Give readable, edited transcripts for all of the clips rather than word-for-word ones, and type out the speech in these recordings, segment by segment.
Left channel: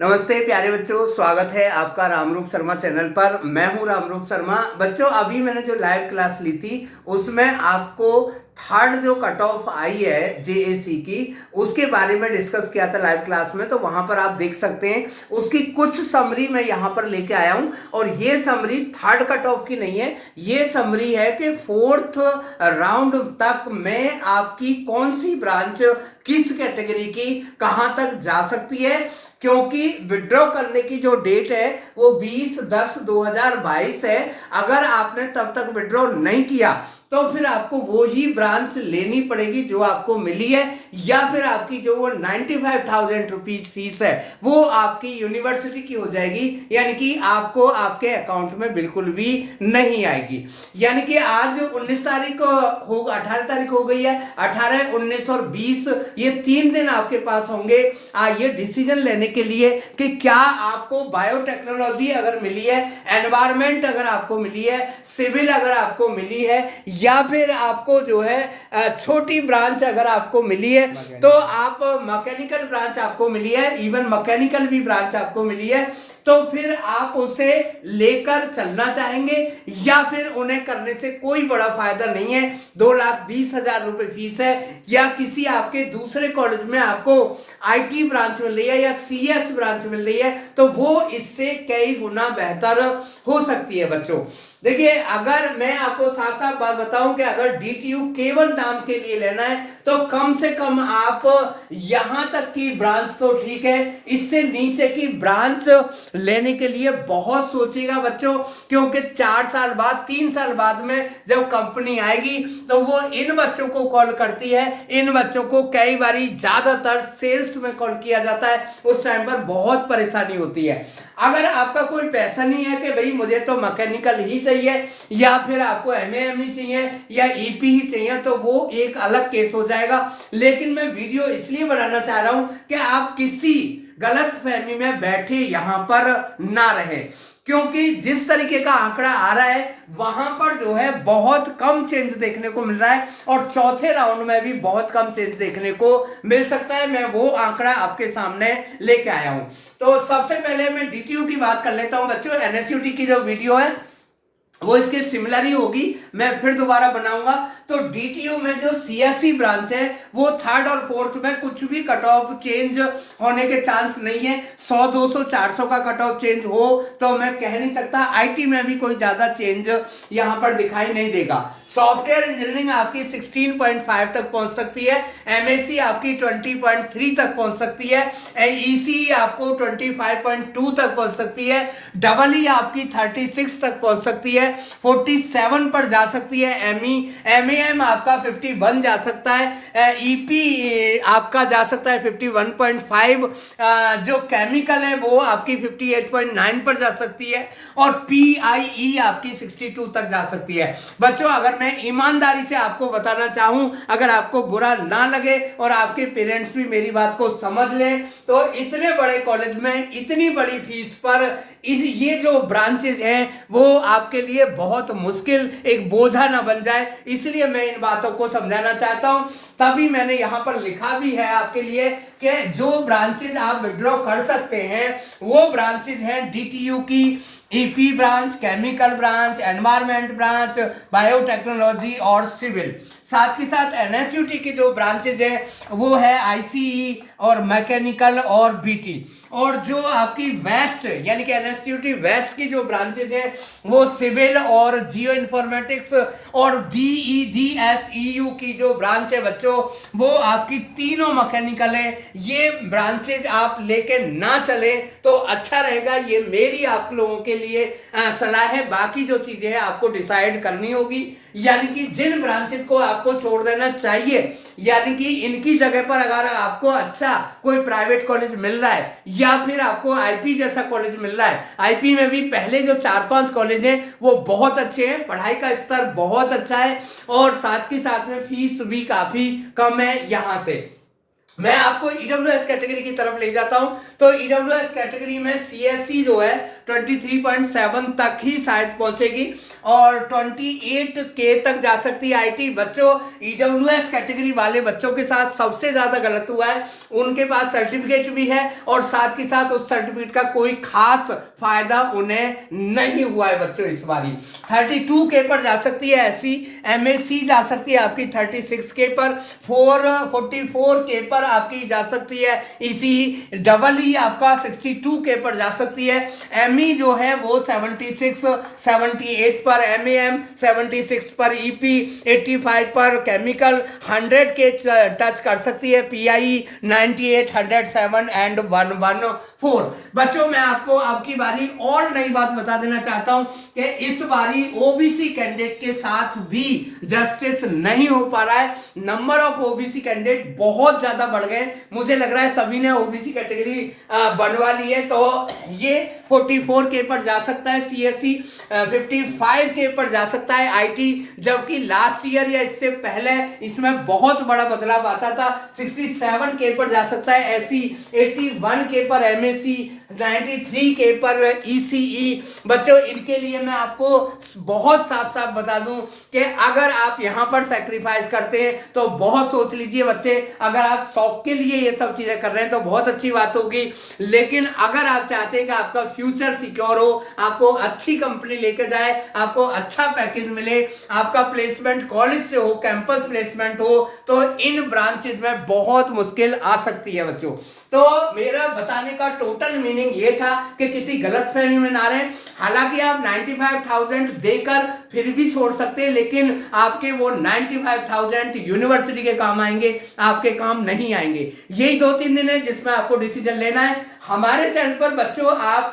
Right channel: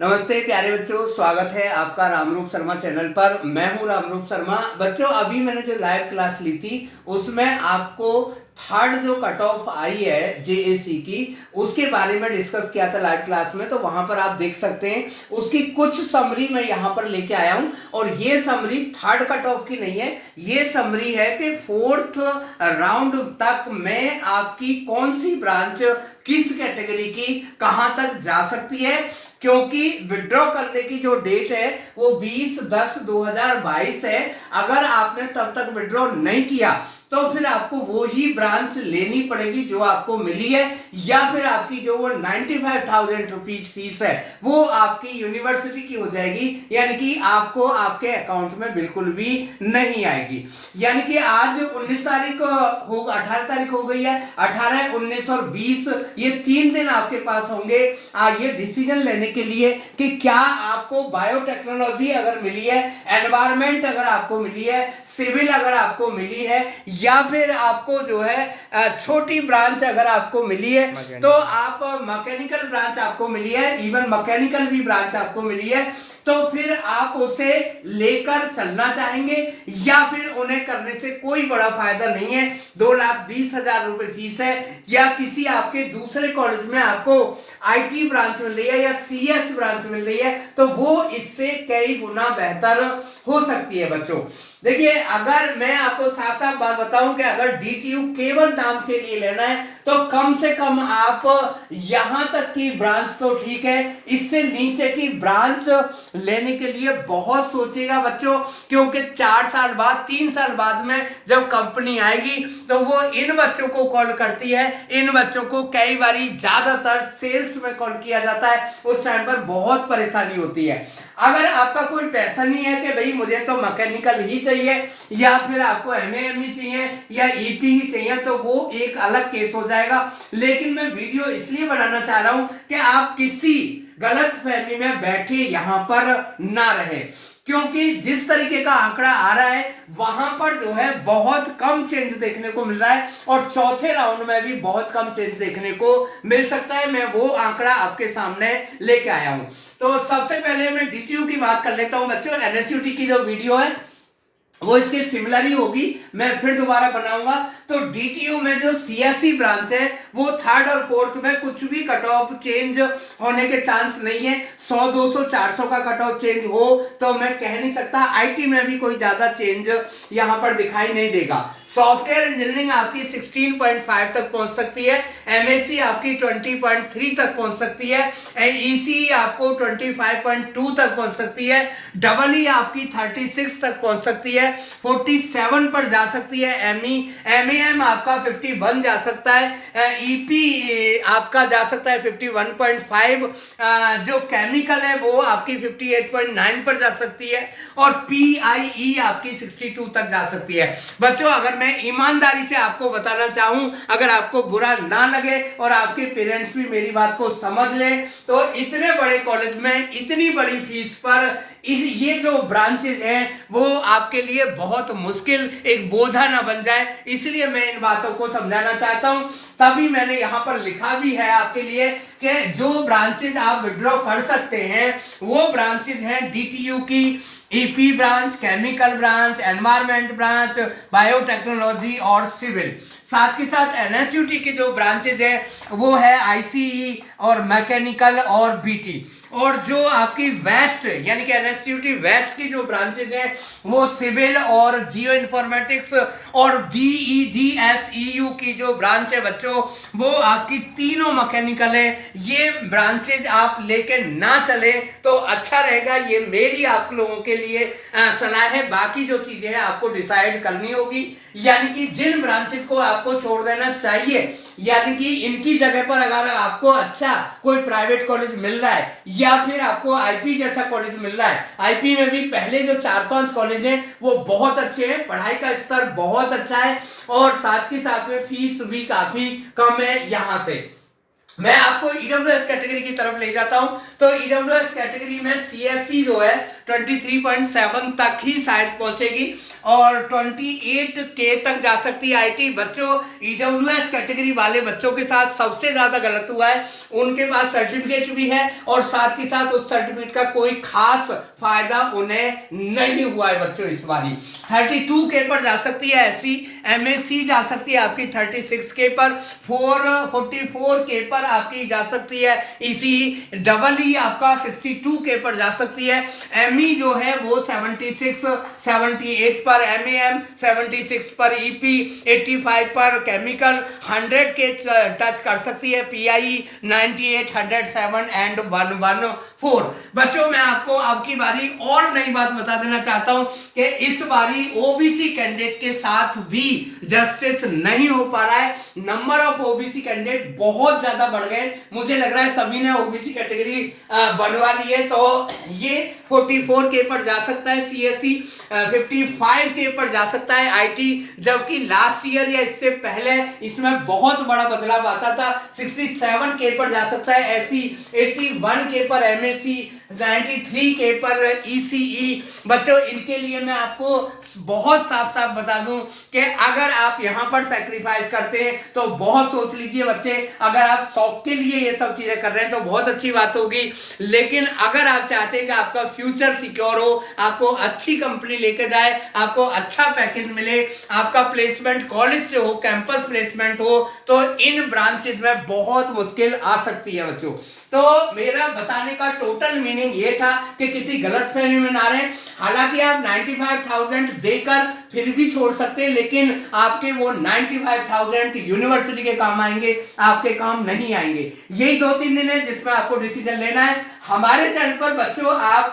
नमस्ते प्यारे बच्चों, स्वागत है आपका रामरूप शर्मा चैनल पर। मैं हूं रामरूप शर्मा। बच्चों, अभी मैंने जो लाइव क्लास ली थी उसमें आपको थर्ड जो कट ऑफ आई है जेएसी की, उसके बारे में डिस्कस किया था लाइव क्लास में। तो वहां पर आप देख सकते हैं उसकी कुछ समरी मैं यहां पर लेके आया हूं। और ये समरी थर्ड कट ऑफ की नहीं है, ये समरी है कि फोर्थ राउंड तक में आपकी कौन सी ब्रांच किस कैटेगरी की कहां तक जा सकती है। क्योंकि विड्रॉ करने की जो डेट है वो 20/10/2022 है। अगर आपने तब तक विड्रॉ नहीं किया तो फिर आपको वो ही ब्रांच लेनी पड़ेगी जो आपको मिली है, या फिर आपकी जो वो 95,000 रुपीज फीस है वो आपकी यूनिवर्सिटी की हो जाएगी, यानी कि आपको आपके अकाउंट में बिल्कुल भी नहीं आएगी। यानी कि आज 19 तारीख हो 18 तारीख हो गई है। 18, 19 और 20 ये 3 दिन आपके पास होंगे ये डिसीजन लेने के लिए कि क्या आपको बायोटेक्नोलॉजी अगर मिली है, एनवायरमेंट अगर आपको मिली है, सिविल अगर आपको मिली है, या फिर आपको जो है छोटी ब्रांच अगर आपको मिली है तो आप मैकेनिकल ब्रांच आपको मिली है, इवन मैकेनिकल भी ब्रांच आपको मिली है, तो फिर आप उसे लेकर चलना चाहेंगे या फिर उन्हें करने से कोई बड़ा फायदा नहीं है। 2,20,000 रुपए फीस है, या किसी आपके दूसरे कॉलेज में आपको आईटी ब्रांच मिल रही है या सीएस ब्रांच मिल रही है तो वो इससे कई गुना बेहतर हो सकती है। बच्चों देखिए, अगर मैं आपको साफ साफ बात बताऊं कि अगर डीटीयू केवल नाम के लिए लेना है तो कम से कम आप यहां तक की ब्रांच तो ठीक है, इससे नीचे की ब्रांच लेने के लिए बहुत सोचिएगा बच्चों। क्योंकि 4 साल बाद 3 साल बाद में जब कंपनी आएगी तो वो इन बच्चों को कॉल करती है। इन बच्चों को कई बारी ज्यादातर सेल्स में कॉल किया जाता है, उस टाइम पर बहुत परेशानी होती है। अगर आपका कोई पैसा नहीं है कि भाई मुझे तो मैकेनिकल ही चाहिए या फिर आपको एमएएम ही चाहिए या ईपी ही चाहिए, तो वो एक अलग केस हो जाएगा। लेकिन मैं वीडियो इसलिए बनाना चाह रहा हूं कि आप किसी गलत फहमी में बैठे यहां पर ना रहे, क्योंकि जिस तरीके का आंकड़ा आ रहा है वहां पर जो है बहुत कम चेंज देखने को मिल रहा है और चौथे राउंड में भी बहुत कम चेंज देखने को मिल सकता है। मैं वो आंकड़ा आपके सामने लेके आया हूं। तो सबसे पहले मैं डीटीयू की बात कर लेता हूं बच्चों। एनएसयूटी की जो वीडियो है वो इसके सिमिलर ही होगी, मैं फिर दोबारा बनाऊंगा। तो डीटीयू में जो सीएससी ब्रांच है वो थर्ड और फोर्थ में कुछ भी कट ऑफ चेंज होने के चांस नहीं है। 100, 200, 400 का कट ऑफ चेंज हो तो मैं कह नहीं सकता। आईटी में भी कोई ज्यादा चेंज यहां पर दिखाई नहीं देगा। सॉफ्टवेयर इंजीनियरिंग आपकी 16.5 तक पहुंच सकती है, एमएससी आपकी 20.3 तक पहुंच सकती है, ईसी आपको 25.2 तक पहुंच सकती है, डबल ई आपकी 36 तक पहुंच सकती है, 47 पर जा सकती है, एमएएम आपका 51 जा सकता है, ईपी आपका जा सकता है 51.5, जो केमिकल है वो आपकी 58.9 पर जा सकती है, और पीआईई आपकी 62 तक जा सकती है। बच्चों, अगर मैं ईमानदारी से आपको बताना चाहूं, अगर आपको बुरा ना लगे और आपके पेरेंट्स भी मेरी बात को समझ लें, तो इतने बड़े कॉलेज में इतनी बड़ी फीस पर ये जो ब्रांचेज हैं वो आपके लिए बहुत मुश्किल एक बोझा ना बन जाए, इसलिए मैं इन बातों को समझाना चाहता हूं। तभी मैंने यहां पर लिखा भी है आपके लिए कि जो ब्रांचेज आप विड्रॉ कर सकते हैं वो ब्रांचेज हैं डीटीयू की EP branch, chemical branch, environment branch, biotechnology और सिविल। साथ ही साथ एनएसयूटी की जो ब्रांचेज है वो है आईसीई और मैकेनिकल और बीटी। और जो आपकी वेस्ट यानी कि एनएसयूटी वेस्ट की जो ब्रांचेज है वो सिविल और जियो इन्फॉर्मेटिक्स और डीईडीएसईयू की जो ब्रांच है बच्चों वो आपकी तीनों मैकेनिकल है। ये ब्रांचेज आप लेके ना चले तो अच्छा रहेगा, ये मेरी आप लोगों के लिए सलाह है। बाकी जो चीजें हैं आपको डिसाइड करनी होगी, यानी कि जिन ब्रांचेस को आपको छोड़ देना चाहिए, यानी कि इनकी जगह पर अगर आपको अच्छा कोई प्राइवेट कॉलेज मिल रहा है या फिर आपको आईपी जैसा कॉलेज मिल रहा है। आईपी में भी पहले जो 4-5 कॉलेज हैं वो बहुत अच्छे हैं, पढ़ाई का स्तर बहुत अच्छा है और साथ ही साथ में फीस भी काफी कम है। यहां से मैं आपको ईडब्ल्यूएस कैटेगरी की तरफ ले जाता हूं। तो ईडब्ल्यूएस कैटेगरी में सीएससी जो है 23.7 तक ही शायद पहुंचेगी और 28K तक जा सकती है आईटी। बच्चों ईडब्ल्यूएस कैटेगरी वाले बच्चों के साथ सबसे ज्यादा गलत हुआ है, उनके पास सर्टिफिकेट भी है और साथ ही साथ उस सर्टिफिकेट का कोई खास फायदा उन्हें नहीं हुआ है बच्चों। इस बारी 32K पर जा सकती है एससी, एमएससी जा सकती है आपकी 36K पर, 44K पर आपकी जा सकती है इसी डबल ई आपका 62K पर जा सकती है। एमई जो है वो 76 78 पर, एमएम 76 पर, ईपी 85 पर, केमिकल 100K टच कर सकती है, पीआई 98 107 एंड 114। बच्चों मैं आपको आपकी बारी और नई बात बता देना चाहता हूं कि इस बारी ओबीसी कैंडिडेट के साथ भी जस्टिस नहीं हो पा रहा है। नंबर ऑफ ओबीसी कैंडिडेट बहुत ज्यादा बढ़ गए, मुझे लग रहा है सभी ने ओबीसी कैटेगरी बनवा ली है। तो ये 44K पर जा सकता है सीएससी, 55K पर जा सकता है आईटी, जबकि लास्ट ईयर या इससे पहले इसमें बहुत बड़ा बदलाव आता था। 67K पर जा सकता है एससी, 81K पर एमएससी, 93K पर ईसीई। बच्चों इनके लिए मैं आपको बहुत साफ साफ बता दूं कि अगर आप यहां पर सैक्रिफाइस करते हैं तो बहुत सोच लीजिए बच्चे। अगर आप शौक के लिए ये सब चीजें कर रहे हैं तो बहुत अच्छी बात होगी, लेकिन अगर आप चाहते हैं कि आपका फ्यूचर सिक्योर हो, आपको अच्छी कंपनी लेके जाए, आपको अच्छा पैकेज मिले, आपका प्लेसमेंट कॉलेज से हो, कैंपस प्लेसमेंट हो, तो इन ब्रांचेज में बहुत मुश्किल आ सकती है बच्चों। तो मेरा बताने का टोटल मीनिंग ये था कि किसी गलतफहमी में ना रहें। हालांकि आप 95,000 देकर फिर भी छोड़ सकते हैं, लेकिन आपके वो 95,000 यूनिवर्सिटी के काम आएंगे, आपके काम नहीं आएंगे। यही 2-3 दिन है जिसमें आपको डिसीजन लेना है। हमारे चैनल पर बच्चों आप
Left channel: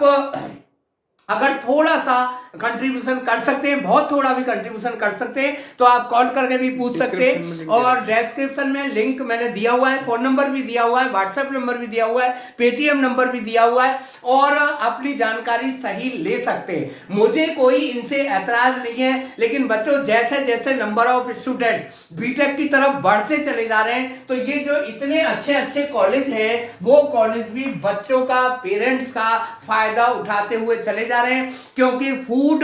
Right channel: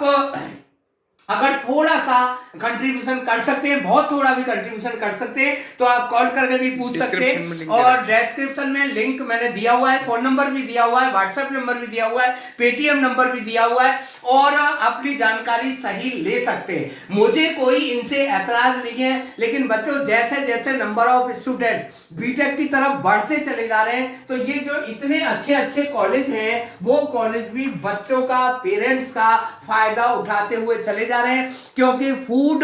अगर थोड़ा सा कंट्रीब्यूशन कर सकते हैं, बहुत थोड़ा भी कंट्रीब्यूशन कर सकते हैं, तो आप कॉल करके भी पूछ सकते हैं। और डिस्क्रिप्शन में लिंक मैंने दिया हुआ है, फोन नंबर भी दिया हुआ है, व्हाट्सएप नंबर भी दिया हुआ है, पेटीएम नंबर भी दिया हुआ है, और अपनी जानकारी सही ले सकते हैं। मुझे कोई इनसे ऐतराज नहीं है, लेकिन बच्चों जैसे जैसे नंबर ऑफ स्टूडेंट बीटेक की तरफ बढ़ते चले जा रहे हैं, तो ये जो इतने अच्छे अच्छे कॉलेज हैं वो कॉलेज भी बच्चों का, पेरेंट्स का फायदा उठाते हुए चले जा रहे हैं। क्योंकि फूड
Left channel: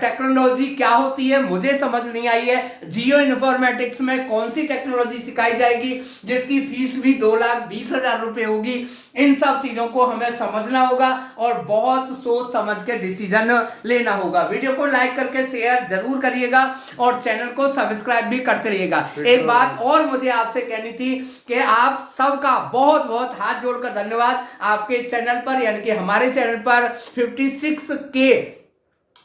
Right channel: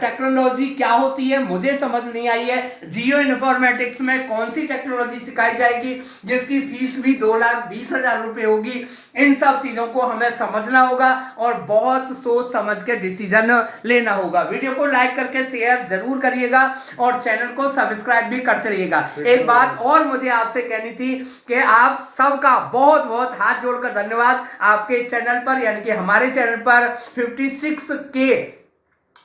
टेक्नोलॉजी क्या होती है मुझे समझ नहीं आई है। जियो इन्फॉर्मेटिक्स में कौन सी टेक्नोलॉजी सिखाई जाएगी जिसकी फीस भी 2,20,000 रुपए होगी। इन सब चीजों को हमें समझना होगा और बहुत सोच समझ के डिसीजन लेना होगा। वीडियो को लाइक करके शेयर जरूर करिएगा और चैनल को सब्सक्राइब भी करते रहिएगा। एक बात और मुझे आपसे कहनी थी कि आप सबका बहुत बहुत हाथ जोड़कर धन्यवाद। आपके चैनल पर यानी कि हमारे चैनल पर 56K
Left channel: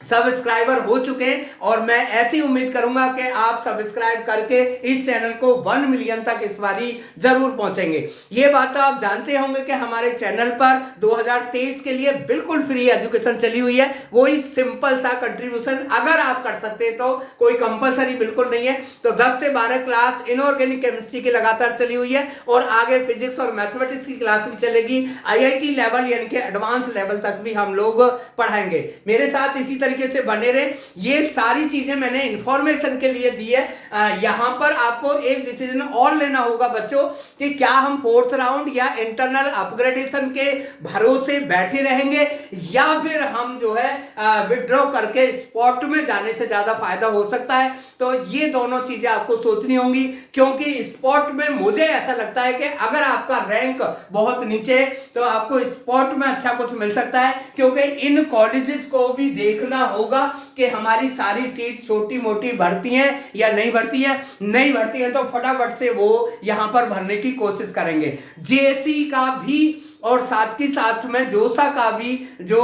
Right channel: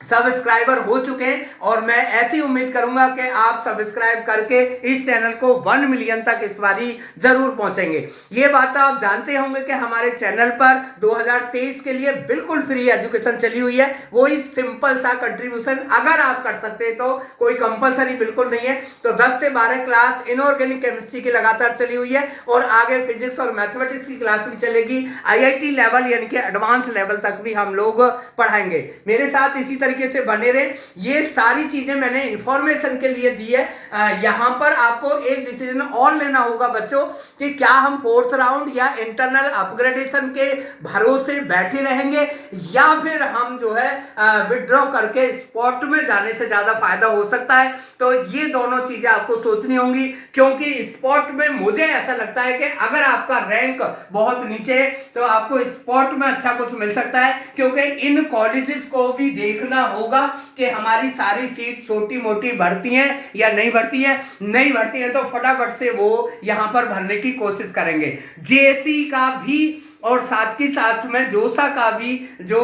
सब्सक्राइबर हो चुके हैं और मैं ऐसी उम्मीद करूंगा कि आप सब्सक्राइब करके इस चैनल को 1 मिलियन तक इस बारी जरूर पहुंचेंगे। ये बात तो आप जानते होंगे कि हमारे चैनल पर 2023 के लिए बिल्कुल फ्री एजुकेशन चली हुई है। वही सिंपल सा कंट्रीब्यूशन अगर आप कर सकते हैं तो, कोई कंपलसरी बिल्कुल नहीं है। तो 10 से 12 क्लास इनऑर्गेनिक केमिस्ट्री की लगातार चली हुई है और आगे फिजिक्स और मैथमेटिक्स की क्लास भी चलेगी। आईआईटी लेवल यानी कि एडवांस लेवल तक भी हम लोग पढ़ाएंगे। मेरे साथ इसी तरीके से बने रहे। ये सारी चीजें मैंने इंफॉर्मेशन के लिए दी है। यहां पर आपको एक डिसीजन और लेना होगा बच्चों कि क्या हम 4th राउंड या इंटरनल अपग्रेडेशन के भरोसे बैठे रहेंगे या फिर हम जो है विड्रॉ करके स्पॉट में जाने से ज्यादा फायदा हो सकता है। तो ये दोनों चीजें आपको सोचनी होंगी, क्योंकि स्पॉट में मुझे ऐसा लगता है कि अगर आपका रैंक बहुत नीचे है तो आपको स्पॉट में अच्छा कुछ मिल सकता है, क्योंकि इन कॉलेजेस को भी देखना होगा कि हमारी सारी सीट छोटी मोटी भरती हैं या नहीं भरती है। नहीं भरती है तो फटाफट से वो यहां पर भरने की कोशिश करेंगे। जेएससी का भी और साथ ही साथ में जोसा का भी जो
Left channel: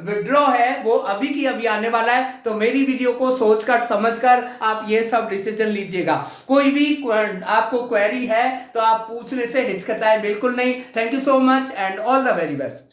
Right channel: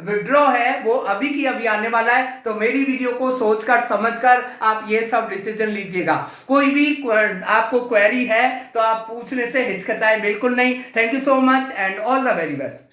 विड्रॉ है वो अभी की अभी आने वाला है। तो मेरी वीडियो को सोचकर समझकर आप ये सब डिसीजन लीजिएगा। कोई भी आपको क्वेरी है तो आप पूछने से हिचकिचाएं बिल्कुल नहीं। Thank you so much and all the very best.